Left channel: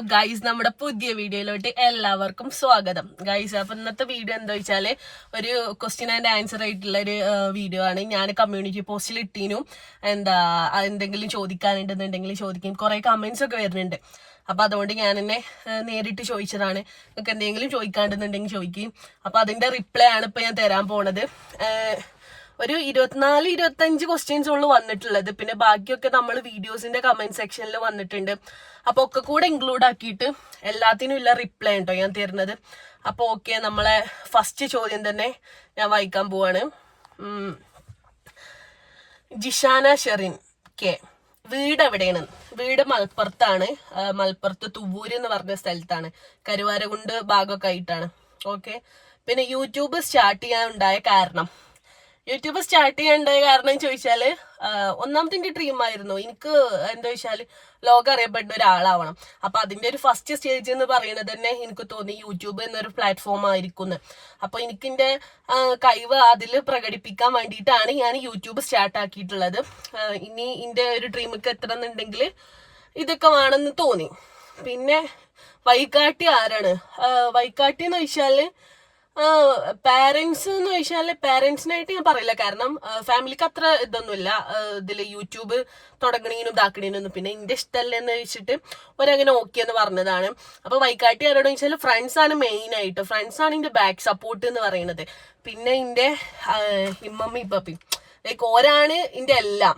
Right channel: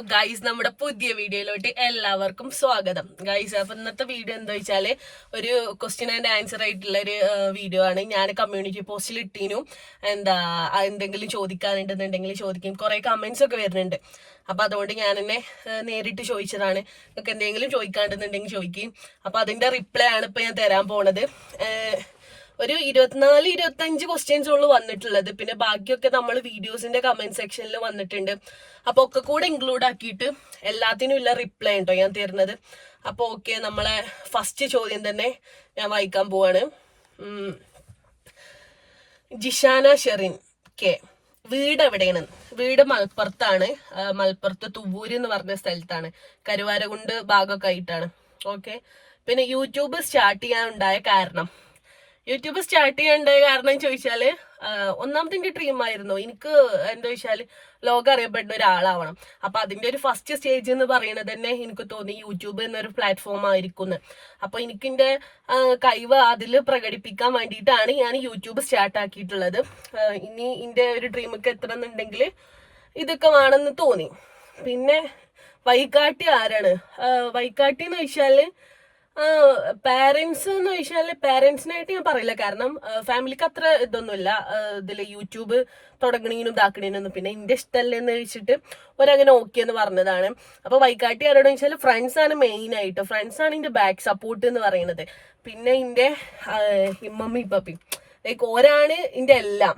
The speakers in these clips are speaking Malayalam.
വാട്സ്ആപ്പ് ഗൈസ്, നമ്മുടെ പുതിയ വീഡിയോയിലോട്ട് എല്ലാവർക്കും സ്വാഗതം ഗൈസ്. അപ്പൊ ഇന്നത്തെ വീഡിയോ എന്താ വെച്ചാല് ഒരു ക്വസ്റ്റ്യൻ ആൻഡ് ആൻസർ ആയിട്ടുള്ള ഒരു വീഡിയോ ആണ്. ഞാൻ കമ്മ്യൂണിറ്റി പോസ്റ്റിൽ ഇട്ടീനു. എന്തെങ്കിലും ചോദിക്കാനുണ്ടെന്നുണ്ടെങ്കിൽ ചോദിക്കും. കുറെ കമന്റ്സ് ഒക്കെ വരുന്നുണ്ട്. അപ്പൊ അതുകൊണ്ട് ഞാൻ എന്നെ നേരിട്ട് ചോദിച്ചതാണ്. നിങ്ങൾക്ക് എന്തെങ്കിലും ചോദിക്കാണ്ടെന്നുണ്ടെങ്കിൽ ചോദിക്കും. അപ്പൊ അതിന്റെ റിപ്ലൈ ആണ് ഇപ്പൊ ഞാൻ തരാൻ പോണത്. ഒരു 24-25 ക്വസ്റ്റ്യൻസ് ഉള്ളു വന്നിട്ടുള്ളത്. പിന്നെ ബാക്കിയൊക്കെ നമ്മൾ വീഡിയോസിന്റെ കമന്റ് സെക്ഷനിൽ വന്നിട്ടുണ്ട്. അപ്പൊ ഒക്കെ കൂടെ ഇൻക്ലൂഡ് ആക്കിയിട്ട് എല്ലാത്തിനും ഉള്ള റിപ്ലൈ ഉണ്ടോ ഞാൻ തരുന്നത്. അപ്പൊ ഓക്കെ, നമ്മളെ ഫസ്റ്റ് ചോദ്യം തന്നെ ഞാൻ വായിക്കാൻ പോവാണ്. ജിഷാന ഷെറിൻ കെ, വീട് എവിടെയാണ്? വീട് മലപ്പുറത്താണ്. മലപ്പുറത്ത് തുവൂര് എന്ന് പറഞ്ഞ സ്ഥലത്താണ്. കരുവാരകുണ്ട് ഭാഗമൊക്കെ ആയിട്ടാണ്. ഓക്കെ. പിന്നെ യൂട്യൂബ് സ്റ്റാർട്ട് ചെയ്യാൻ ഉണ്ടായ കാരണം ചോദിച്ചാല്, ഒന്നാമത്തെ എന്റെ ഡ്രീം ആയിരുന്നു. എനിക്ക് എന്താ വെച്ചാല് ലോകം അറിയപ്പെടുന്ന ഒരാളാവണം. അപ്പൊ അതിന്റെ ഒരു ഫസ്റ്റ് സ്റ്റേജ് എന്ന് പറയുന്നത് തന്നെ എനിക്ക് തോന്നി യൂട്യൂബ് എന്നൊരു പ്ലാറ്റ്ഫോം ആയിരിക്കും. അപ്പൊ എനിക്കിന്റെ കഴിവ് അതിൽ പ്രകടിപ്പിക്കാൻ വേണ്ടിയിട്ടാണ് ഞാൻ യൂട്യൂബ് സ്റ്റാർട്ട് ആക്കിയിട്ടുള്ളത്. ഇനി എന്റെ ഒരു ഡ്രീമൊക്കെ എത്തണമെന്നുണ്ടെങ്കിൽ ഇതൊക്കെ വേണമെന്ന് തോന്നി. പിന്നെ വഴികാട്ടി ആരാണ്? വഴികാട്ടി എന്ന് വെച്ചാല് പാരന്റ്സ് എന്ന് വെച്ചാല് പാരന്റ്സിനായിട്ട് ഞാൻ പറയില്ല. കാരണം ഫാമിലിക്ക് അത്ര ഇതൊന്നുമില്ല ഇതില് യൂട്യൂബ് തുടങ്ങണീനും ഇതാക്കണീനൊന്നും. പിന്നെ എന്റെ ഇഷ്ടമല്ലെന്ന് വെച്ചിട്ട് ഒരങ്ങനെ ഓക്കെ എന്ന് പറഞ്ഞതാണ്. അപ്പൊ വൈകാട്ടി ആരോടെന്ന് വെച്ചാൽ ഫ്രണ്ട്സ് ആണ് മെയിൻ ആയിട്ട്. ഫ്രണ്ട്സ് ആണ് എന്റെ ബാക്ക് സപ്പോർട്ട് എന്ന് പറയുന്നത്. പിന്നെ എന്റെ ഇമ്മമ്മി ഇപ്പപ്പി ലൈക്ക് ഓരാണ് എന്റെ എല്ലാം.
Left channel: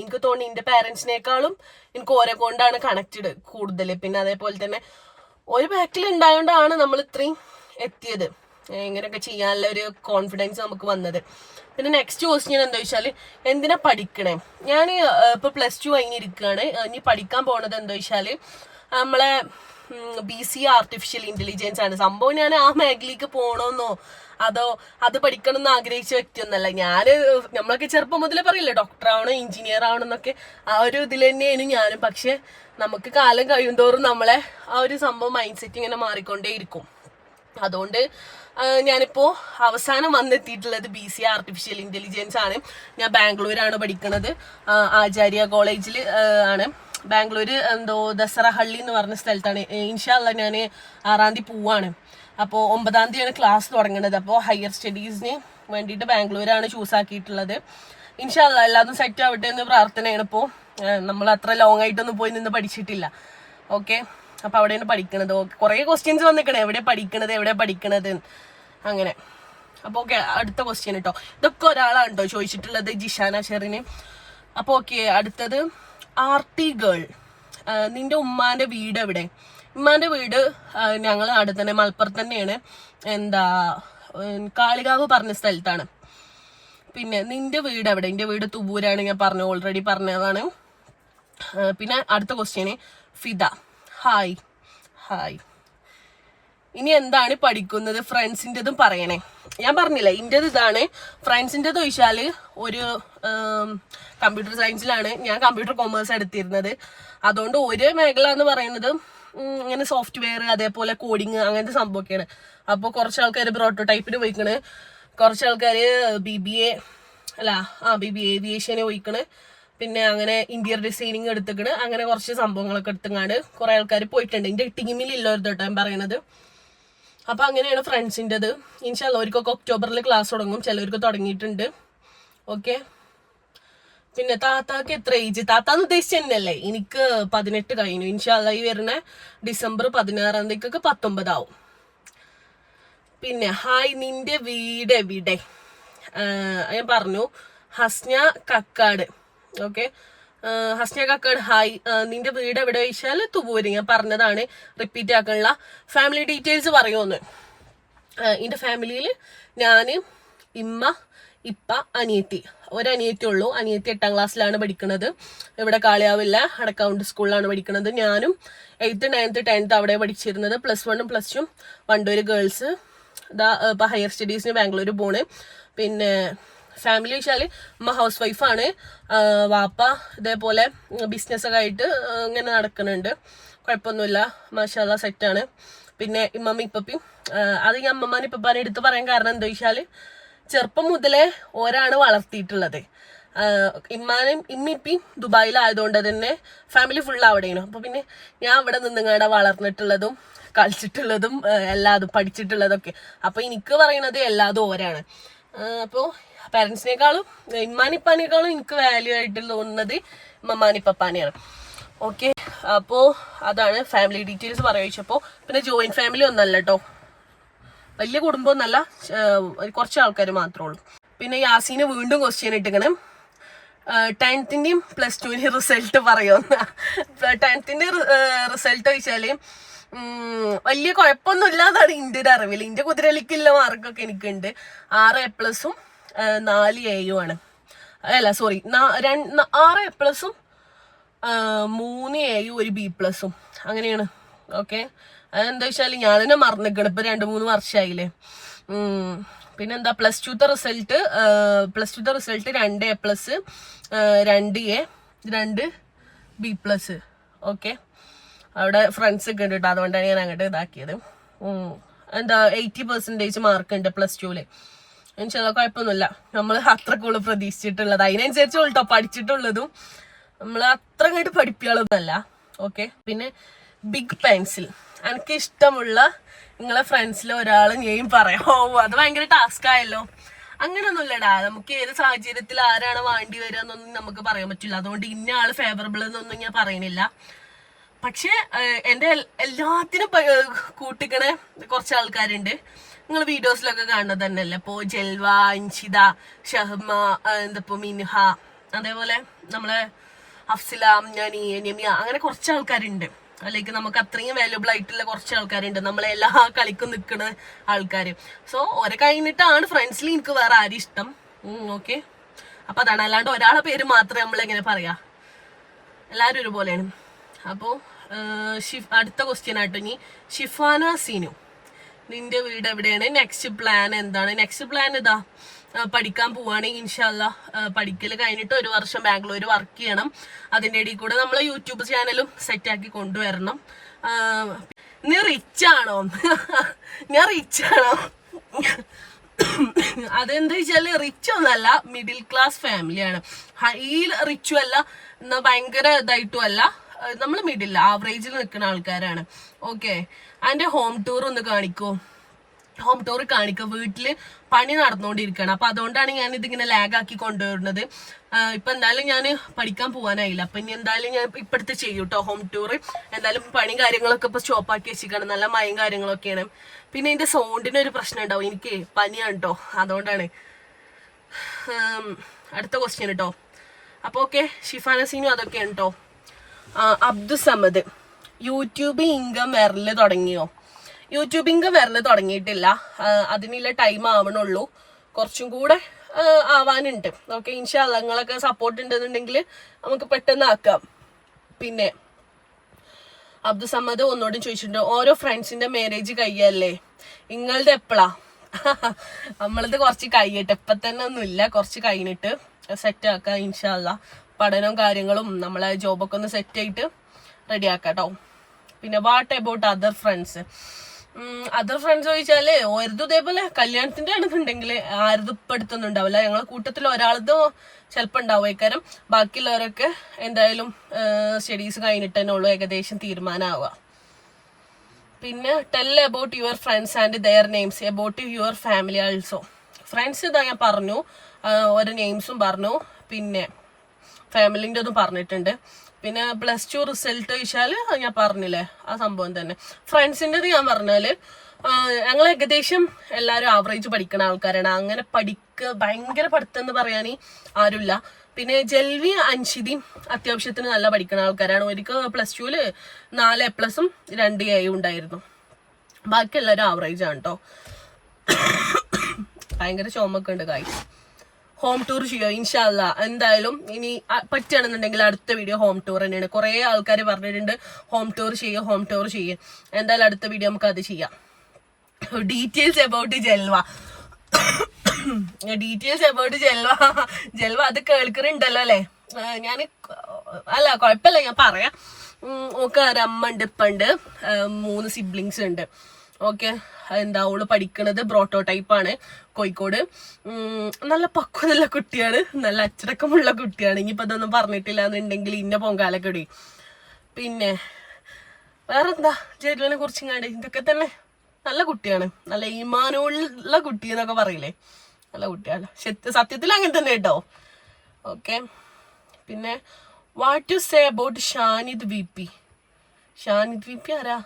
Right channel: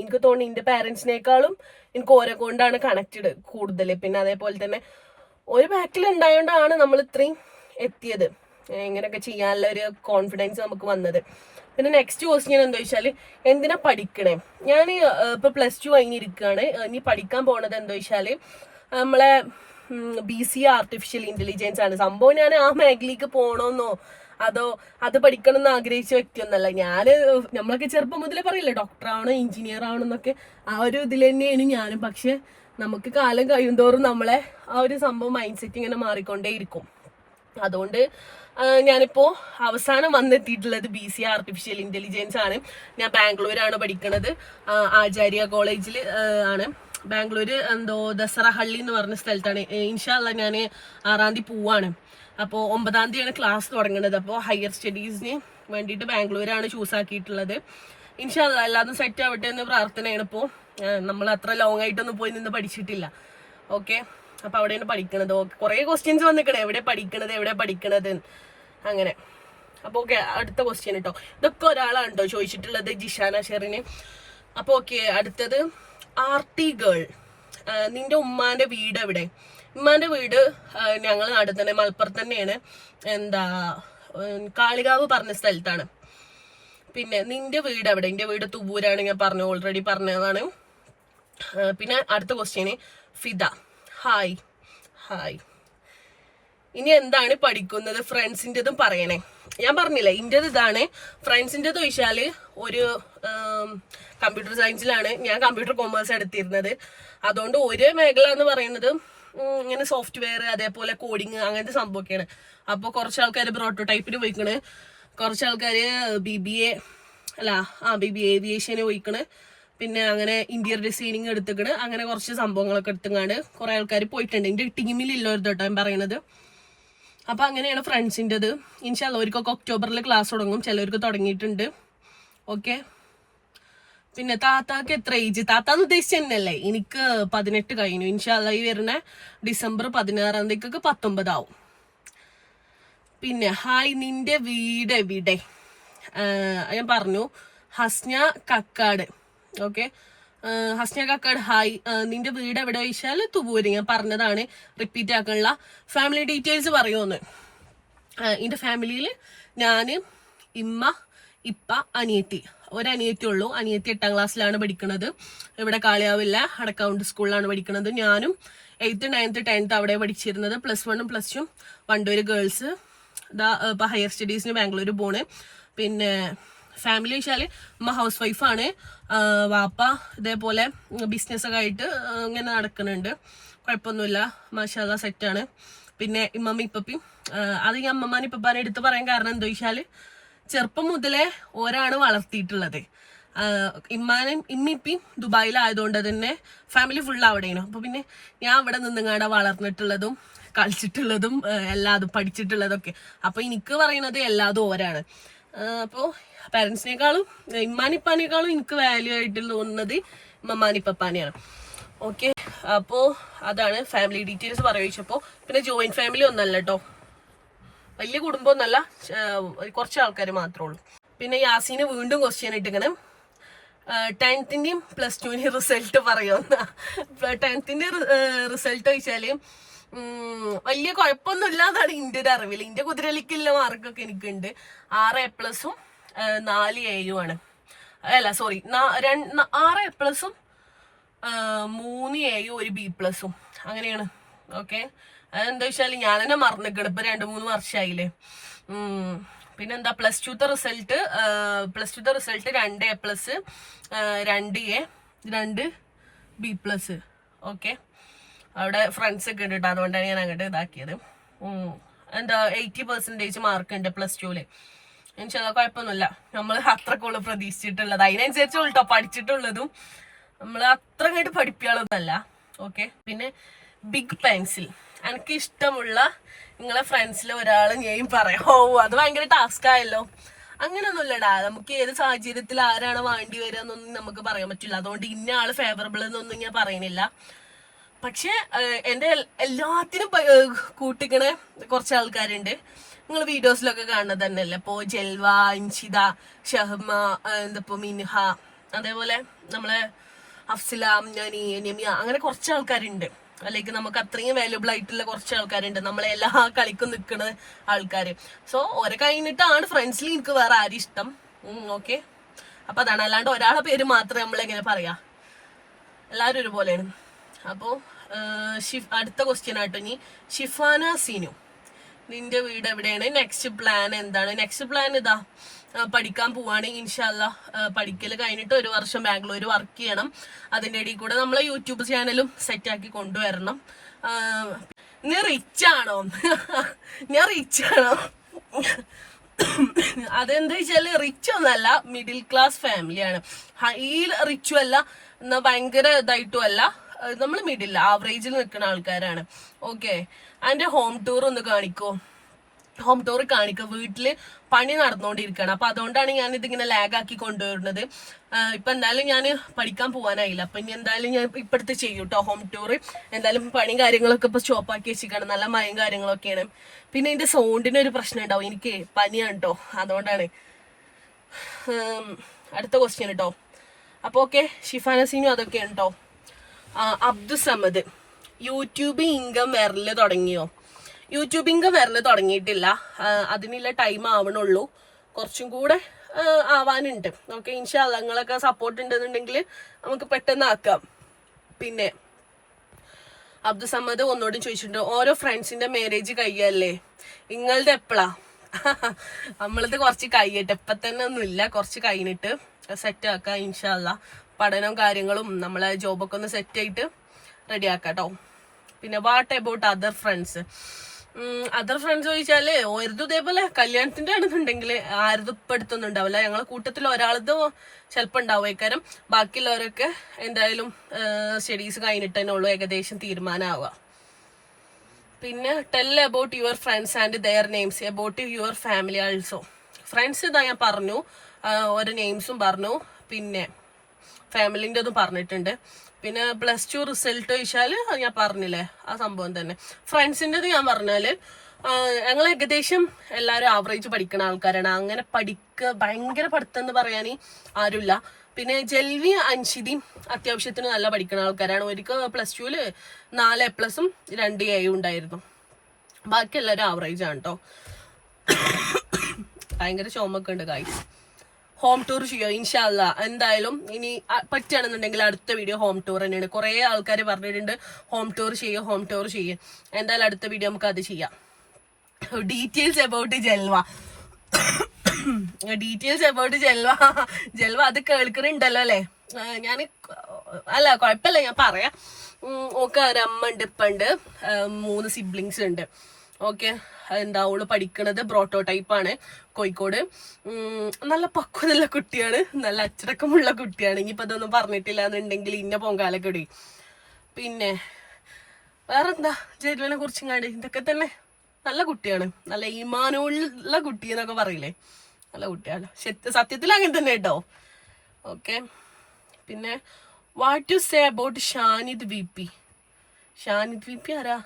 എനിക്ക് തോന്നി എന്റെ പാരന്റ്സിനേക്കാളും എനിക്ക് ഓരെ കൊണ്ടാണ് കണക്റ്റഡ് കൂടുതൽ. പിന്നെ അതേപോലെ തന്നെ ഒരു ബാക്കിൽ ഉണ്ടായോണ്ടാണ് നമ്മൾ ഇത്രയും എത്തിയത്. ഇങ്ങനെയൊക്കെ ചെയ്യാനുള്ള ഒരു കോൺഫിഡൻസ് നമുക്ക് വന്നത്. പിന്നെ നെക്സ്റ്റ് ക്വസ്റ്റ്യൻ എന്താ വെച്ചാല്, എന്തിനാ പഠിക്കണേ? ഞാൻ ഇപ്പൊ +2 കഴിഞ്ഞിരിക്കുകയാണ്. ഇനി പഠിക്കാൻ പോണത് എന്താ വെച്ചാല് നമ്മളെ BCA ആർട്ടിഫിഷ്യൽ ഇന്റലിജൻസ് ആണ്. സംഭവം ഞാൻ ആ മേഖലയ്ക്ക് പോകണമെന്നോ അതോ അത് പഠിക്കണം എന്ന് ആഗ്രഹിച്ച വ്യക്തിയൊന്നല്ല. നമ്മളൊക്കെ ചെറുപ്പം മുതലേ പറയില്ലേ ഡോക്ടർ ആവണം, എഞ്ചിനീയർ ആവണം എന്നൊക്കെ. ആ ഒരു ഇതിൽ തന്നെയാണ് ഞാനും. പക്ഷെ നമുക്ക് കാലം കഴിയുന്തോറും നമ്മളെ ആ ഒരു സംഭവം മൈൻഡ് സെറ്റ് ഇങ്ങനെ മാറിക്കൊണ്ടേയിരിക്കും. അതുകൊണ്ട് ഞാനിപ്പോ അവസാനം വന്നെത്തിയിട്ടുള്ളത് BCA ആർട്ടിഫിഷ്യൽ ഇന്റലിജൻസ് ആണ്. ഞാൻ ബാംഗ്ലൂരാണ് പഠിക്കുന്നത്. ആചാര്യ കോളേജിൽ ആണ്. ബാംഗ്ലൂര് ദസറഹള്ളി എന്ന് പറഞ്ഞ സ്ഥലത്താണ്. ഇൻഷാ അള്ളാ ഞാൻ 6-ാം തീയതി പോവാണ്. അപ്പോൾ 9-ാം തീയതിയാണ് ക്ലാസ് തുടങ്ങുന്നത്. അപ്പോൾ ഹയർ സ്റ്റഡീസിന് വേണ്ടിയിട്ട് ബാംഗ്ലൂരാണ് ചൂസ് ആക്കിയിട്ടുള്ളത്. ഇൻഷാ അള്ളാ എല്ലാതും സെറ്റ് ആവട്ടെ എന്ന് പ്രാർത്ഥനയാണ്. ഇപ്പോൾ നമ്മൾ അത്ര ലോങ് ആയിട്ടൊന്നും പോയി നിന്ന് പഠിച്ചിട്ടില്ല. ഓക്കെ. അപ്പൊ അവിടെയാണ് പഠിക്കണത്. കുറെ ക്വസ്റ്റ്യൻസ് വന്നിക്കണേ, എവിടെ പഠിക്കണത് അങ്ങനെ. അപ്പൊ ഓക്കെ, അടുത്ത ക്വസ്റ്റ്യൻ കേട്ടോ. ഇതൊക്കെ ഒരാളാണ് കേട്ടോ ചോദിച്ചിട്ടുള്ളത്, ജിഷാന ഷെറിന്. അപ്പൊ ഓക്കെ, അടുത്തത് RT ഗേൾ, നിന്റെ ഉമ്മാന്റെ വീട് എവിടെ? ഉമ്മാന്റെ വീട് ഞങ്ങളെ നാട് തന്നെ, മലപ്പുറത്ത് തന്നെയാണ്. കാളികാവ് പറഞ്ഞ സ്ഥലത്താണ്. പിന്നെ നിന്റെ വീട് എവിടെ? എന്റെ വീട് തുവൂരാണ്. ഞാൻ ഓൾറെഡി പറഞ്ഞതാണ്. പിന്നെ അടുത്ത ക്വസ്റ്റ്യന് ഫിദ, ഹായ്. ഇനി എന്താണ് പഠിക്കുന്നത്? ഫ്രണ്ട്സിൻ്റെതും പറയണേ. ഞാൻ പറഞ്ഞില്ലേ ഇന്റേത് ഇതാണ്. ഫ്രണ്ട്സിൻ്റെത് ചോദിച്ചാല് ഒരു കമ്പ്യൂട്ടർ സയൻസിലാണ്. ഞാൻ കമ്പ്യൂട്ടർ കൊമേഴ്സ് എടുത്തിരുന്നത്. അതുകൊണ്ട് ഒരു മേഖല എന്ന് പറയുന്നത് ഇങ്ങനെ സോഫ്റ്റ്വെയർ, അതേപോലെ കോഡിങ്, അങ്ങനത്തെ സംഭവമൊക്കെയാണ്. അപ്പോൾ കുറച്ച് ആൾക്കാർ പ്രോട്ടോടൈപ്പിന് പോയിക്കണ്, കുറച്ച് ആൾക്കാർ BBA ഏവിയേഷന് പോയിക്കണ്. പിന്നെ അങ്ങനെ ഇന്റീരിയർ ഡിസൈനിങ് എടുത്തിക്കണ്. അങ്ങനെ കുറച്ച് സംഭവങ്ങളൊക്കെ എടുത്തുങ്ങാണ്ട് കുറെ ആൾക്കാർ പോയിട്ടുണ്ട്. എന്റെ ടീമിലില്ലൊരു കേട്ടോ ഞാൻ പറയുന്നത്. അപ്പൊ അങ്ങനെയാണ് ഫ്രണ്ട്സിൻ്റെത്. ഇൻഷാ അല്ലാ അവർക്കൊക്കെ ഒക്ടോബറിൽ ക്ലാസ് തുടങ്ങും. ചിലവർക്ക് തുടങ്ങിയിട്ടുണ്ട്. ഓക്കെ. പിന്നെ താത്താക്ക് എത്ര ഏജ്? താത്താന്ന് ഉദ്ദേശിച്ചല്ലേ, എനിക്ക് 18 കഴിഞ്ഞു. ഇൻഷാ അല്ലാ ഈ വരുന്ന ഡിസംബർ 16-ാം തീയതിക്കൊക്കെ 19 ആവും. പിന്നെ ഹായ്, നിന്റെ വീട് എവിടെ? ഞാൻ പറഞ്ഞു, ഹസ്ന കക്കാട്. Okay, Hasna Kakkad hi. നിന്റെ വീട് എവിടെ ചോദിച്ചാൽ തുവൂര്. ഞാൻ പറഞ്ഞതാണ്, റിപ്പീറ്റ് ആക്കാനുള്ള. ഫാമിലി ഡീറ്റെയിൽസ് പറയുമെന്ന്. എൻ്റെ ഫാമിലിയിൽ ഞാൻ, ഇമ്മ, ഇപ്പ, അനിയത്തി. ഒരനിയത്തി ഉള്ളൂ. അനിയത്തി 8-ാം ക്ലാസ്സിലാണ് പഠിക്കുന്നത്. ഇവിടെ കാളിയാവില്ല അടക്കൗണ്ട് സ്കൂളിലാണ് പഠിക്കുന്നത്. ഞാനും 8th, 9th, 10th അവിടെ പഠിച്ചിരുന്നത്. +1 +2 വണ്ടൂര് ഗേൾസ്. ഇപ്പൊ ഹയർ സ്റ്റഡീസിന് ബാംഗ്ലൂർ പോണ്. പിന്നെ ഫാമിലി വെച്ചാല് അമ്മ ഹൗസ് വൈഫാണ്. വാപ്പ ഇതേപോലെ ബിസിനസ്സൊക്കെ ആയിട്ട് ഇങ്ങനെ നടക്കുന്നുണ്ട്. കുഴപ്പമൊന്നുമില്ല, മാഷാ അല്ലാ സെറ്റാണ്. പിന്നെ ഇമ്മമ്മ ഇപ്പപ്പയും. അത് ഈ അമ്മമ്മ ഇപ്പപ്പാനെ എടുത്ത് പറയാൻ കാരണം എന്താ വെച്ചാല് ചെറുപ്പം മുതലേ ഓരാണ് വളർത്തിയിട്ടുള്ളത്. ഇമ്മിപ്പിയും ദുബായിലായതുകൊണ്ട് തന്നെ ഫാമിലി ഫുൾ അവിടെയാണ്. അപ്പോൾ പിന്നെ ഞാൻ അവിടെ നിന്നിങ്ങാടെ വളർന്നിട്ടുള്ളതും കളിച്ചിട്ടുള്ളതും എല്ലാതും പഠിച്ചിട്ടുള്ളതൊക്കെ. അപ്പോൾ എനിക്ക് പറയണത് എല്ലാതും ഓരാണ്. അപ്പോൾ പാരൻസിനേക്കാളും ഇമ്മാനിപ്പാനേക്കാളും എനിക്ക് വാല്യൂ ആയിട്ട് തോന്നുന്നത് മമ്മാനിപ്പപ്പാനെയാണ്. ഓക്കെ, അപ്പോൾ അതാണ് ഫാമിലി ഡീറ്റെയിൽസ് പറയിച്ചപ്പോൾ. പിന്നെ ജോയിന്റ് ഫാമിലി ഒന്നല്ല കേട്ടോ, വലിയ കുടുംബം ഒന്നല്ല, കുറച്ച് ആൾക്കാർ മാത്രമേ ഉള്ളൂ. പിന്നെ യാസീന് വീണ്ടും ക്വസ്റ്റ്യൻ ഇട്ടിക്കണം, 10th-ന്റെയും +2-ന്റെയും റിസൾട്ട് പറയുമെന്ന. 10th-ന്റെ റിസൾട്ട് ചോദിച്ചാൽ വലിയ കുഴപ്പമൊന്നുമില്ല എന്നാണ് എൻ്റെ ഒരു അറിവിൽ. എൻ്റെ കുതിരലിക്കുള്ള മാർക്കൊക്കെ എനിക്കുണ്ട്. 6 A+ഉം 4 A-യും. അല്ല സോറി, 6 A+ഉം 3 A-യും 1 B+ഉം അങ്ങനെയാണ്. ഓക്കെ, അതെന്താ വെച്ചാൽ ഞാൻ തന്നെ മറന്നിക്കണം, ഇപ്പൊ 2-3 വർഷമായില്ലേ. പിന്നെന്താ +2-ത്തെ result 2 A+, 2 A, 2 B+. Okay, അവിടെ ഫ്രണ്ട്സ് ഒക്കെ ഉണ്ട് കേട്ടോ, അതുകൊണ്ടാണ് ഞാൻ അങ്ങോട്ട് ഇതാക്കിയത്. എന്താ 80% മാർക്ക് ഉണ്ട് +2-ല്. എനിക്ക് കുഴപ്പമൊന്നുമില്ല, നമ്മൾ അത്രക്കുള്ള പ്രതീക്ഷിച്ചിട്ടുള്ളത്, അതിനനുസരിച്ച് കേട്ടോ പഠിച്ചിട്ടുള്ളതും. നമ്മൾ അത്ര അങ്ങോട്ട് പഠിപ്പികളൊന്നുമല്ല. ഓക്കെ, പിന്നെ ബിഗ് പെൻസിൽ, എനിക്ക് ഇഷ്ടമുള്ള നിങ്ങളെ ഫ്രണ്ട്സിൽ ഒരാൾ ഞാൻ പറയാം. അത് ഭയങ്കര ടാസ്ക് ആയല്ലോ. അങ്ങനെയൊന്നുമില്ലടാ, നമുക്ക് ഏത് സാഹചര്യത്തിൽ ആരാണ് വേണ്ടി വരിക എന്നൊന്നും നമുക്ക് പറയാൻ പറ്റില്ല. അതുകൊണ്ട് ഇന്ന ആള് ഫേവറബിൾ എന്നൊന്നും ഞാൻ പറയുന്നില്ല. പക്ഷെ എൻ്റെ എല്ലാത്തിനും കൂട്ടിക്കണ കുറച്ച് ആൾക്കാരുണ്ട്, നിങ്ങൾ വീഡിയോസിലൊക്കെ കാണുന്നത് തന്നെയല്ലേ. ഇപ്പോൾ ജൽവ, ഇൻഷിത, ഷഹ്മ, എന്തപ്പോ മിൻഹ, അതേപോലെ നമ്മളെ അഫ്സില, നമിയ, അങ്ങനെ കുറച്ച് ആൾക്കാരുണ്ട്. അല്ലെങ്കിൽ നമുക്ക് അത്രയും വാല്യുബിൾ ആയിട്ടുള്ള കുറച്ച് ആൾക്കാരുണ്ട്, നമ്മളെ എല്ലാ കളിക്കും നിൽക്കുന്ന ആൾക്കാർ. സോ ഓരെ കഴിഞ്ഞിട്ടാണ് ഫ്രണ്ട്സിൽ എനിക്ക് വേറെ ആരും ഇഷ്ടം. ഓക്കെ, അപ്പൊ അതാണ്, അല്ലാണ്ട് ഒരാളെ പേര് മാത്രമേ നമ്മളെങ്ങനെ പറയാ, എല്ലാവരും ഒരുപോലെയാണ്. അപ്പോൾ അടുത്ത ക്വസ്റ്റ്യൻ ആട്ടോ ഇനി, ഷിഫാന സീനു, നിന്റെ വീട് എവിടെയാണ്? നെക്സ്റ്റ് പ്ലാൻ എന്താണ്? നെക്സ്റ്റ് പ്ലാൻ ഇതാ, പഠിക്കാൻ പോവാണ് ഇൻഷാല്ല. പഠിക്കൽ കഴിഞ്ഞിട്ട് 1 വർഷം ബാംഗ്ലൂർ വർക്ക് ചെയ്യണം. അതിൻ്റെ ഇടയിൽ കൂടെ നമ്മളെ യൂട്യൂബ് ചാനലും സെറ്റാക്കി കൊണ്ടുവരണം. നീ റിച്ച് ആണോ? ഞാൻ റിച്ച് ആണോ? അതെന്താ വെച്ചാല് റിച്ച് ഒന്നല്ല, മിഡിൽ ക്ലാസ് ഫാമിലിയാണ്. ഹൈ റിച്ചും അല്ല, എന്നാ ഭയങ്കര ഇതായിട്ടും അല്ല, നമ്മൾ മിഡിൽ ആവറേജിൽ നിൽക്കുന്ന ആൾക്കാരാണ്. ഓക്കെ, അതിന്റെ ഹോം ടൂർ ഒന്ന് കാണിക്കോ? ഹോം ടൂർ കാണിക്കുക. വീട്ടില് പണി നടന്നുകൊണ്ടിരിക്കുകയാണ്, അപ്പൊ അതുകൊണ്ടാണ് ഞാൻ ഇതിങ്ങനെ ലാഗാക്കി കൊണ്ടുവരുന്നത്. ഇപ്പൊ എന്തായാലും ഞാൻ പഠിക്കാൻ പോകാനായില്ല, അപ്പൊ ഇനി എന്തായാലും ഞാൻ ഇപ്പടുത്ത് ചെയ്യും കേട്ടോ ഹോം ടൂർ. എന്തായാലും പണി കാര്യങ്ങളൊക്കെ ഇപ്പൊ സ്റ്റോപ്പാക്കി വെച്ചിരിക്കണം, നല്ല മഴയും കാര്യങ്ങളൊക്കെയാണ്. പിന്നെ ഇതിന്റെ സൗണ്ടിന് ഒരു പ്രശ്നം ഉണ്ടാവും, എനിക്ക് പനിയാണ് കേട്ടോ, അതുകൊണ്ടാണ്. അടുത്ത ക്വസ്റ്റ്യൻ കേട്ടോ. അപ്പൊ ഓക്കെ, ഷിഫാന സീനു അതൊക്കെയാണ് കേട്ടോ. അബ്ദുസമദ്, യൂട്യൂബ് ഇൻകം വരല് തുടങ്ങിയോ? യൂട്യൂബ് ഇൻകം വരല് തുടങ്ങിയിട്ടില്ല, അതിനുള്ള ടൈം ആവണുള്ളൂ, കുറച്ചും കൂടെ ആവാനുണ്ട്. ഓക്കെ, ഇൻഷാല്ലാ നിങ്ങളൊക്കെ സപ്പോർട്ട് ഉണ്ടെന്നുണ്ടെങ്കിൽ നമുക്ക് പെട്ടെന്ന് ആക്കാം. പിന്നെ അബ്ദുസമ്മദ് ഒന്നോടും ചോദിച്ചിട്ടുണ്ട്, ഓരോ ഫ്രണ്ട്സിന്റെ മാരേജ് കഴിയല്ലേ, നിങ്ങളുടെ എപ്പോഴാ? നമ്മളത് കുറച്ച് കഴിയട്ടെ, ഇപ്പൊ തന്നെ ഒന്നുമില്ല, കുറച്ച് കഴിഞ്ഞിട്ട് സെറ്റ് ആക്കാം ഇൻഷാല്ലാ. പഠനവും കാര്യങ്ങളും നമ്മളെ ജോബൊക്കെ ഒന്ന് സെറ്റ് ആയിട്ട് റെഡി ആക്കാം കേട്ടോ. പിന്നെ what about other friends? Other friends ചോദിച്ചാല് ഓരതും ഇതേപോലെ കല്യാണത്തിന്റെ ആണെന്നുണ്ടെങ്കിൽ ആരതും ഇപ്പം എടുത്തൊന്നും ഉണ്ടാവില്ല. ഞങ്ങളെ കൂട്ടത്തിൽ ഒരാളത് ചിലപ്പോൾ ഉണ്ടാവുമായിക്കാരം, ബാക്കിയുള്ളവരൊക്കെ എന്തായാലും സ്റ്റഡീസ് കഴിഞ്ഞിട്ട് തന്നെ ഉള്ളൂ ഏകദേശം തീരുമാനമാവുക. പിന്നെ tell about your friends and their names, about your family also. Friends ഇതാ ഞാൻ പറഞ്ഞു, ഓരോ നെയിംസും പറഞ്ഞു, പിന്നെ ഫാമിലിൻ്റെ ഒന്നും പറഞ്ഞിട്ടുണ്ട്. പിന്നെ +2 റിസൾട്ട് ചോദിച്ചാൽ ഞാൻ പറഞ്ഞില്ലേ ആ സംഭവം തന്നെ. ഫ്രണ്ട്സിൻ്റെത് ഞാൻ പറഞ്ഞാല് ഞങ്ങൾ ഏകദേശം എല്ലാവരും ആവറേജ് പഠിക്കുന്ന ആൾക്കാരാണ്, അങ്ങനെ ഭയങ്കര പഠിത്തം എന്ന് പറയാൻ ആരുമില്ല. പിന്നെ ജൽവി, അൻഷിദിയും അത്യാവശ്യത്തിന് നല്ല പഠിക്കുന്ന ആൾക്കാരാണ്. ഒരിക്കൽ +2-ല് 4 A+ഉം 2 A ഉണ്ടായിരുന്നു. ബാക്കി എല്ലാവരും ആവറേജ് ആണ് കേട്ടോ. ഭയങ്കര ചുമൊക്കെ ഉണ്ട് കായ്. ഹോം ടൂർ ചെയ്യോ? ഇൻഷാല്ല എന്തായാലും ഇനി പറ്റുകയാണെന്നുണ്ടെങ്കിൽ അടുത്ത വീഡിയോ ഹോം ടൂർ തന്നെയാണ്. കുറേ ആൾക്കാർ പറഞ്ഞിട്ടുണ്ട് ഹോം ടൂർ ചെയ്യും. എന്തായാലും അടുത്ത വീഡിയോ നമുക്ക് അത് ചെയ്യാം. ഡീറ്റെയിൽസ് അബൌട്ട് ജൽവ, ജൽവ അത് കേൾക്കുന്നുണ്ടല്ലോ അല്ലേ? ഞാൻ അല്ല കുഴപ്പമില്ല, ഞാൻ പറയാം. ഓക്കെ, ഒരമ്മ ഉണ്ട്, ഇപ്പുണ്ട്, 3 സിബ്ലിങ്സ് ഉണ്ട്. ഓക്കെ. എന്താ അവള് പഠിക്കണത് ബ്രോട്ടോടൈപ്പാണ്, കോഴിക്കോട്. നല്ല പക്വതയുള്ള കുട്ടിയാണ്, നല്ല അച്ചടക്കമുള്ള കുട്ടിയാണ്. ഇനിയിപ്പോൾ അതൊന്നും പറഞ്ഞിട്ടില്ല എന്നുണ്ടെങ്കിൽ ഇന്ന പൊങ്കാലക്കെടി. പിന്നെ വേറെന്താ ജെരുവിനെ കുറിച്ചും കാണ്ട് ഇതൊക്കെ തന്നെ. നല്ല കുട്ടിയാണ്, നല്ല ഈമാനുള്ള കുട്ടി എന്നൊക്കെ പറയില്ലേ, നല്ല കുട്ടിയാണ്. സത്യത്തിൽ അങ്ങനെ തന്നെ കേട്ടോ. ഓക്കെ. പിന്നെ what you say about Shanid V P? Shanid V P ആരാ?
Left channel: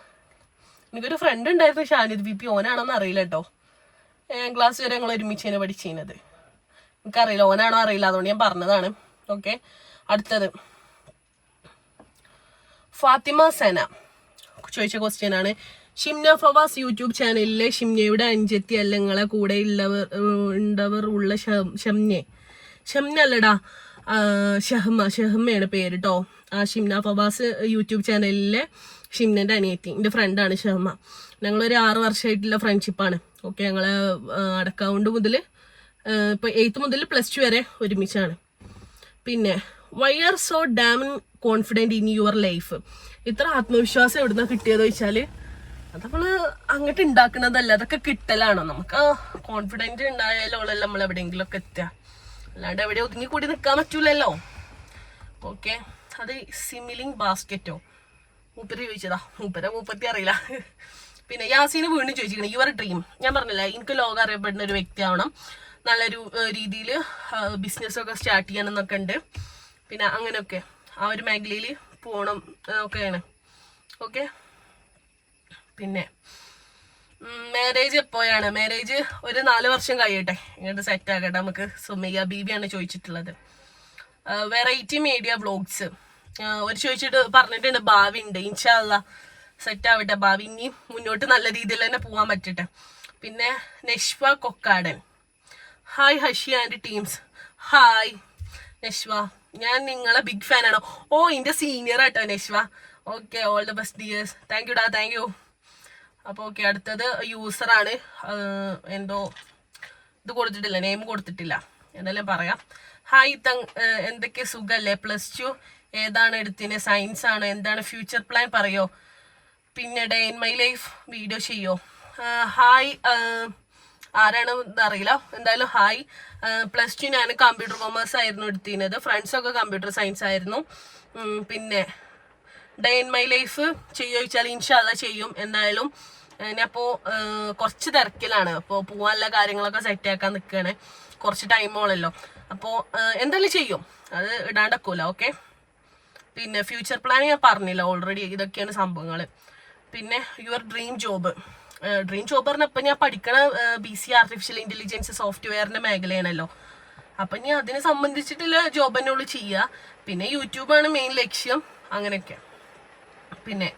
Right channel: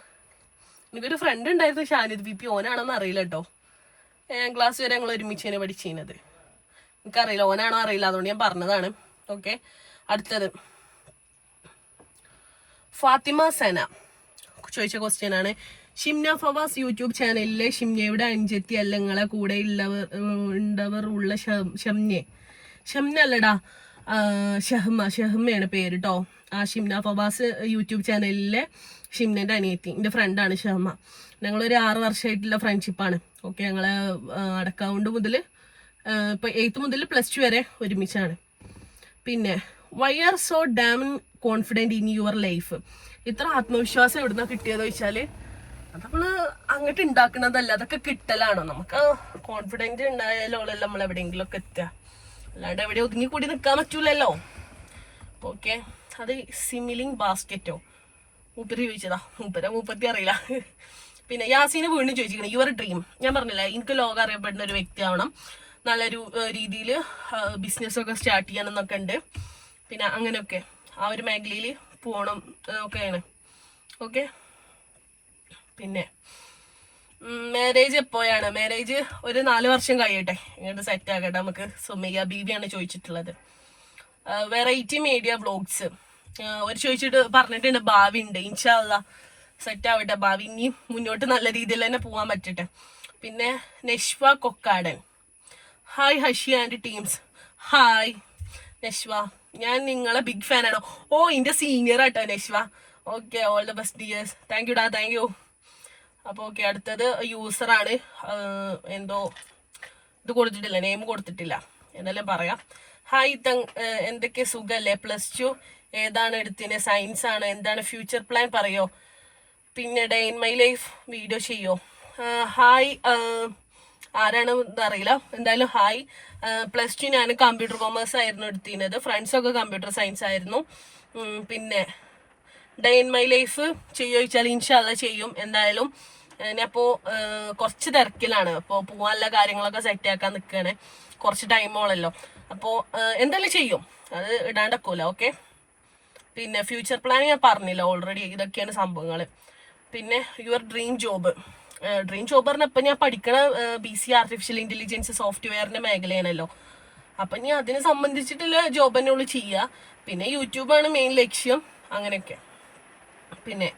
എനിക്കൊരു ഫ്രണ്ട് ഉണ്ടായിരുന്നു ഷാനിദ് വി പി, ഓനാണോന്ന് അറിയില്ല കേട്ടോ. ക്ലാസ് വരെ ഞങ്ങൾ ഒരുമിച്ചാണ് പഠിച്ചിരുന്നത്. എനിക്കറിയില്ല ഓനാണോ അറിയില്ല, അതുകൊണ്ട് ഞാൻ പറഞ്ഞതാണ്. ഓക്കെ. അടുത്തത് ഫാത്തിമ സന ചോദിച്ച ക്വസ്റ്റ്യൻ ആണ്. ഷിംന ഫവാസ് യൂട്യൂബ് ചാനലിലെ ഷിംനയുടെ അഞ്ചെത്തി അല്ല നിങ്ങളെ കൂടെ ഉള്ളവർ ഉള്ള ഷംന അല്ലടാ, ഷഹ്മയാണ് പേര് കേട്ടോ. ആ ഷിംന ഫവാസ് യൂട്യൂബ് ചാനലിലെ ഷിംനന്റെ അനിയത്തി, എൻ്റെ ഫ്രണ്ടാണ് ഷഹ്മ. ഞങ്ങളൊരു 6 വർഷമായിട്ടുള്ള ഫ്രണ്ട്ഷിപ്പാണ്. ഓക്കെ. ഞങ്ങളെ അടക്കൗണ്ട് മുതൽ ഇപ്പൊ 8th മുതൽ +2 വരെ ഒരുമിച്ചാണ്. പിന്നെ why are so damn confident in your life? ഇത്ര ആത്മവിശ്വാസം എവിടുന്ന കിട്ടിയതെന്ന് വെച്ചാല് അത് നമ്മള് അങ്ങോട്ട് ഉണ്ടാക്കുന്നതല്ല, അതൊക്കെ കിട്ടലാണോ. നമുക്ക് കോൺഫിഡൻറ്റ് ഉണ്ടായാലോ നമ്മൾ എവിടെയെങ്കിലും ഒക്കെ എത്തുക, അല്ലാണ്ട് എവിടെ ഒതുങ്ങി കൂടി നിൽക്കാൻ പറ്റൂലല്ലോ. ഓക്കെ. അത് സിമിലിംഗ് ബാസ്ക്കറ്റോ മൂപ്പര് ചോദിച്ചതാ, മൂപ്പത്തി അറിയില്ല. പിന്നെ യാസീന് വീണ്ടും ചോദിച്ചിരിക്കണം യുവർ ഡ്രീം. ഞാൻ പറഞ്ഞില്ല എനിക്ക് ലോകം അറിയപ്പെടുന്ന ഒരു വ്യക്തി ആവണം, നല്ലൊരു രീതിയിൽ ബിസിനസ്സൊക്കെ സ്റ്റാർട്ട് ചെയ്യണമെന്നൊക്കെ ഉണ്ട്. പിന്നെ അങ്ങനെയൊക്കെ ആ ഒരു മേഖലയിൽ പോകണം ഒക്കെയാണ്. ഓക്കെ. പിന്നെ മാരേജ് എപ്പോഴാണ്? മാരേജ് ഒരു 4 വർഷം കഴിയട്ടെ, ഇങ്ങോട്ട് സെറ്റ് ആകട്ടെ നമുക്ക്. സുമയ്യ ബീബിയാണ് ചോദിച്ചിട്ടുള്ളത്. വെറൈറ്റി മീഡിയ വ്ളോഗ്സ് ഒരു ചോദിച്ചിട്ട് പറഞ്ഞിട്ടുണ്ട്, ഭാവി ഉണ്ട്. ഇൻഷാ അല്ലാഹ് സെറ്റ് ആവട്ടെ ഭാവി, ഇനി മുന്നോട്ട് നല്ല രീതിയിൽ തന്നെ പോകാൻ പറ്റട്ടെ. പിന്നെ Nashwa Kokkadan, hi Hashi and teams. Hi Nashwa, ഞാൻ നിങ്ങളെ ബിഗ് ഫാനാണോ? ഓ എൻ്റെ സീനിയർ ആട്ടോ Nashwa. Okay, all the best dears. Thank you ഡാ, താങ്ക് യു. അപ്പോൾ ഓക്കെ. അടുത്തത് യൂസറാണ്, എന്തോ ഇത് കൊടുത്തിട്ടില്ല, നെയിം കൊടുത്തിട്ടില്ല, എന്നാലും പറയാം. ഹായ് എന്തൊക്കെ സുഖല്ലേ? +2 ഏതാണ് എടുത്തിന്? സയൻസ് ആണ്. എന്താണ് ഫ്യൂച്ചർ പ്ലാൻ പറയോ? പിന്നെ day in my life video ചെയ്യോ? ഹായ്, ആരാണ് അറിയില്ല, എന്തായാലും ഹായ്. +2 ഞാൻ കമ്പ്യൂട്ടർ കൊമേഴ്സ് ആയിരുന്നു എടുത്തിരുന്നത്, ഫ്രണ്ട്സൊക്കെ കമ്പ്യൂട്ടർ സയൻസ് ആയിരുന്നു. പിന്നെ ഡേ ഇൻ മൈ ലൈഫ് ചെയ്യുമോ ചോദിച്ചാൽ ഇൻഷാ അല്ലാഹ് ചെയ്യും എന്തായാലും. ഞാനിപ്പോൾ കുറച്ച് തിരക്കിലാണ്, അപ്പോൾ പോകാനുള്ള കാര്യങ്ങളൊക്കെ സെറ്റാക്കാൻ നിൽക്കുകയാണ്, കുറച്ച് ടൈമോളല്ലോ. അപ്പോൾ എന്തായാലും ചെയ്യും, അത് ഇടാണ്ടക്കൂല. ഓക്കെ. പിന്നെ ഫ്യൂച്ചർ പ്ലാൻ ഞാൻ പറഞ്ഞില്ല ഓൾറെഡി, ഇതൊക്കെയാണ് സംഭവങ്ങൾ. പിന്നെ യുവർ ഡ്രീം ജോബ് പറഞ്ഞാൽ ഇപ്പം ഞാൻ പഠിക്കണ BC ആർട്ടിഫിഷ്യൽ ഇൻ്റലിജൻസ് സോഫ്റ്റ്വെയറിൻ്റെ മേഖലയാണല്ലോ. അപ്പം ഞാൻ അതിനെ സംബന്ധിച്ചിട്ടുള്ള ജോബ് തന്നെ ഉള്ളു ചെയ്യുക. പിന്നെ യൂട്യൂബാണ് മെയിൻ ലക്ഷ്യം, അങ്ങനെയൊക്കെ. പിന്നെ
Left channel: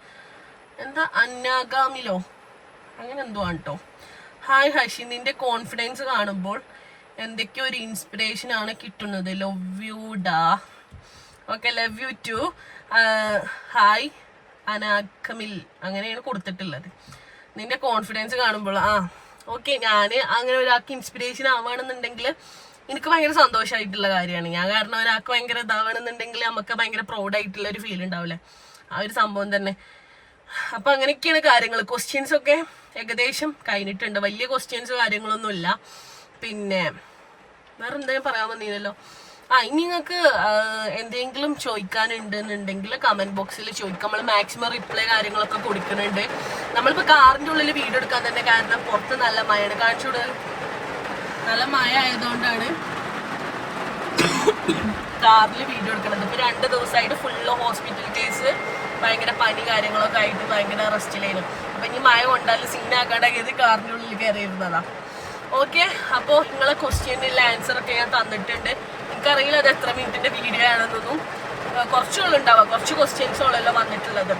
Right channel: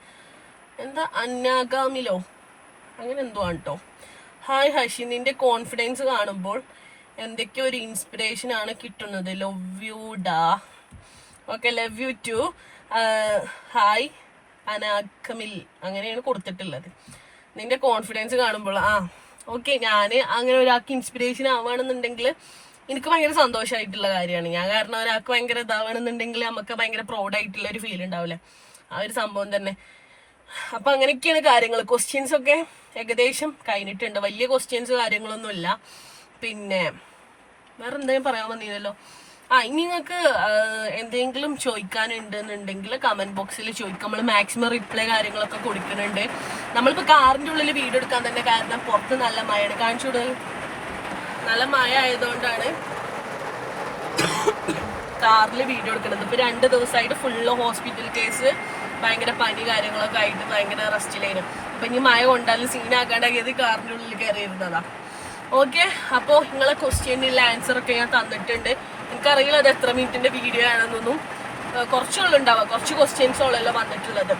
എന്താ അന്നാഗാമിലോ അങ്ങനെ എന്തോ ആണ് കേട്ടോ. ഹായ് ഹഷി, നിന്റെ കോൺഫിഡൻസ് കാണുമ്പോൾ എന്തൊക്കെയോ ഒരു ഇൻസ്പിറേഷൻ ആണ് കിട്ടുന്നത്. ലവ് യു ഡാ. Okay, love you too. Hi അനാഗമിൽ അങ്ങനെയാണ് കൊടുത്തിട്ടുള്ളത്. നിന്റെ കോൺഫിഡൻസ് കാണുമ്പോൾ ഓക്കെ, ഞാൻ അങ്ങനെ ഒരാൾക്ക് ഇൻസ്പിറേഷൻ ആവുകയാണെന്നുണ്ടെങ്കിൽ എനിക്ക് ഭയങ്കര സന്തോഷമായിട്ടുള്ള കാര്യമാണ്. ഞാൻ കാരണം ഒരാൾക്ക് ഭയങ്കര ഇതാവണമെന്നുണ്ടെങ്കിൽ നമുക്ക് ഭയങ്കര പ്രൗഡായിട്ടുള്ള ഒരു ഫീൽ ഉണ്ടാവില്ലേ, ആ ഒരു സംഭവം തന്നെ. അപ്പം അങ്ങനെയൊക്കെയാണ് കാര്യങ്ങൾ. ക്വസ്റ്റ്യൻസ് ഒക്കെ ഏകദേശം കഴിഞ്ഞിട്ടുണ്ട്, വലിയ ക്വസ്റ്റ്യൻസ് കാര്യങ്ങളൊന്നുമില്ല. പിന്നെ വേറെ എന്തെങ്കിലും പറയാൻ വന്നില്ലല്ലോ. ഇനി നിങ്ങൾക്ക് എന്തെങ്കിലും ചോദിക്കാനുണ്ടെന്നുണ്ടെങ്കിൽ കമന്റ് ബോക്സിൽ ചോദിക്കാം, നമ്മൾ മാക്സിമം റിപ്ലൈ കാര്യങ്ങളൊക്കെ കൊടുക്കുന്നുണ്ട്. നമ്മളിപ്പോൾ കാറിൻ്റെ ഉള്ളിൽ വീഡിയോ എടുക്കാൻ തന്നെ കാരണം പുറത്ത് നല്ല മഴയാണ്, കാണിച്ചോട്. നല്ല മഴ ആയതുകൊണ്ടാണ് കാറിൽ വീഡിയോ എടുക്കുന്നത്. ഇപ്പോൾ 2 ദിവസമായിട്ട് ഫുള്ള് ഹോസ്പിറ്റൽ കേസ്, ഭയങ്കര പനി കാര്യങ്ങളൊക്കെ ആയിട്ട് ഭയങ്കര റെസ്റ്റിലായിരുന്നു. അപ്പം ഇനി മഴ കൊണ്ടാലും സീനാക്കാണ്ടാക്കിയത് കാറിൻ്റെ ഉള്ളിൽ കയറിയിരുന്നതാ. ഓക്കെ. അപ്പോൾ നിങ്ങളെ ക്വസ്റ്റ്യനുള്ള ആൻസറൊക്കെ ഞാൻ തന്നിട്ടുണ്ട്. എനിക്കറിയില്ല അത് എത്ര മിനിറ്റിൻ്റെ വീഡിയോ ആണെന്നൊന്നും, കുറച്ചുള്ള ഉണ്ടാവാം, കുറച്ച് ക്വസ്റ്റ്യൻസോളല്ലോ വന്നിട്ടുള്ളത്.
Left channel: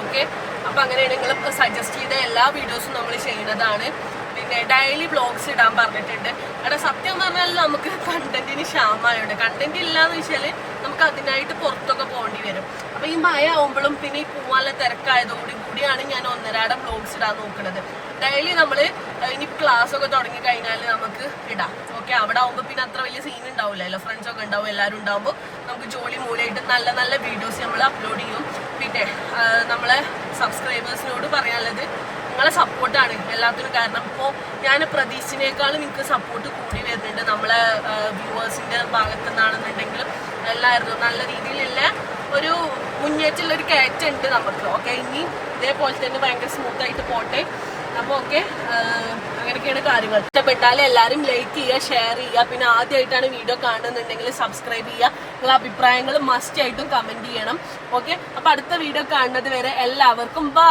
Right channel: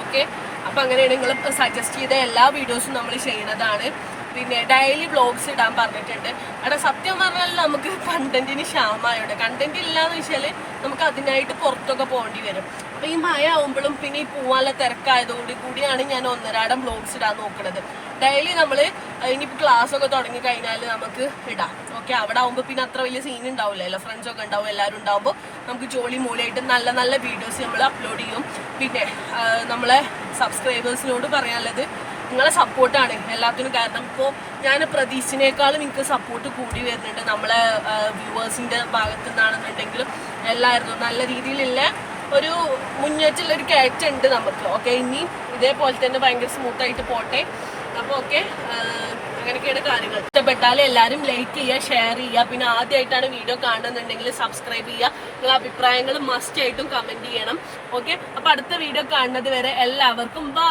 ഓക്കെ. അപ്പം അങ്ങനെയാണ് നിങ്ങൾ സജസ്റ്റ് ചെയ്ത എല്ലാ വീഡിയോസും നമ്മൾ ചെയ്യുന്നതാണ്. പിന്നെ ഡെയിലി വ്ളോഗ്സ് ഇടാൻ പറഞ്ഞിട്ടുണ്ട്. അവിടെ സത്യം പറഞ്ഞാൽ നമുക്ക് കണ്ടന്റിന് ക്ഷാമമായുണ്ട്. കണ്ടന്റ് ഇല്ലാന്ന് വെച്ചാൽ നമുക്ക് അതിനായിട്ട് പുറത്തൊക്കെ പോകേണ്ടി വരും. അപ്പോൾ ഈ മഴ ആവുമ്പോഴും പിന്നെ ഈ പോവാനുള്ള തിരക്കായതുകൊണ്ട് കൂടിയാണ് ഞാൻ 1.5 വ്ളോഗ്സ് ഇടാൻ നോക്കുന്നത്. ഡെയിലി നമ്മൾ ഇനി ക്ലാസ്സൊക്കെ തുടങ്ങി കഴിഞ്ഞാൽ നമുക്ക് ഇടാം. ഓക്കെ. അവിടെ ആകുമ്പോൾ പിന്നെ അത്ര വലിയ സീൻ ഉണ്ടാവില്ലല്ലോ, ഫ്രണ്ട്സൊക്കെ ഉണ്ടാവും, എല്ലാവരും ഉണ്ടാകുമ്പോൾ നമുക്ക് ജോലി മൂലമായിട്ട് നല്ല നല്ല വീഡിയോസ് നമ്മൾ അപ്ലോഡ് ചെയ്യും. പിന്നെ നമ്മളെ സബ്സ്ക്രൈബേഴ്സിനോട് പറയാനുള്ളത് നിങ്ങളെ സപ്പോർട്ടാണ് എല്ലാത്തിനും. കാരണം ഇപ്പോൾ ഞാൻ പ്രതീക്ഷിച്ചതിനേക്കാളും നിങ്ങൾക്ക് സപ്പോർട്ട് കൂടി വരുന്നുണ്ട് നമ്മളെ വ്യൂവേഴ്സിൻ്റെ ഭാഗത്തു നിന്നാണെന്നുണ്ടെങ്കിലും എല്ലായിരുന്നു നല്ല രീതിയിലുള്ള ഒരു മുന്നേറ്റുള്ള ഒരു കയറ്റുണ്ട് നമുക്ക്. ഓക്കെ, ഇനി ഇതേപോലെ തന്നെ ഭയങ്കര സ്മൂത്തായിട്ട് പോട്ടെ. അപ്പോൾ ഓക്കെ, അങ്ങനെയൊക്കെയാണ് കാര്യങ്ങൾ. ഇഷ്ടപ്പെട്ടാലും എല്ലാവരും ലൈക്ക് ചെയ്യുക, ഷെയർ ചെയ്യുക. പിന്നെ ആദ്യമായിട്ടാണ് വീഡിയോ കാണുന്നുണ്ടെങ്കിൽ സബ്സ്ക്രൈബ് ചെയ്യുക. നിങ്ങളുടെ അഭിപ്രായങ്ങൾ മസ്റ്റ് ആയിട്ടും കമൻറ്റ് ചെയ്യണം. ഓക്കെ, അപ്പോൾ അടുത്ത വീഡിയോ കാണുന്നത് വരെ എല്ലാവർക്കും ബൈ.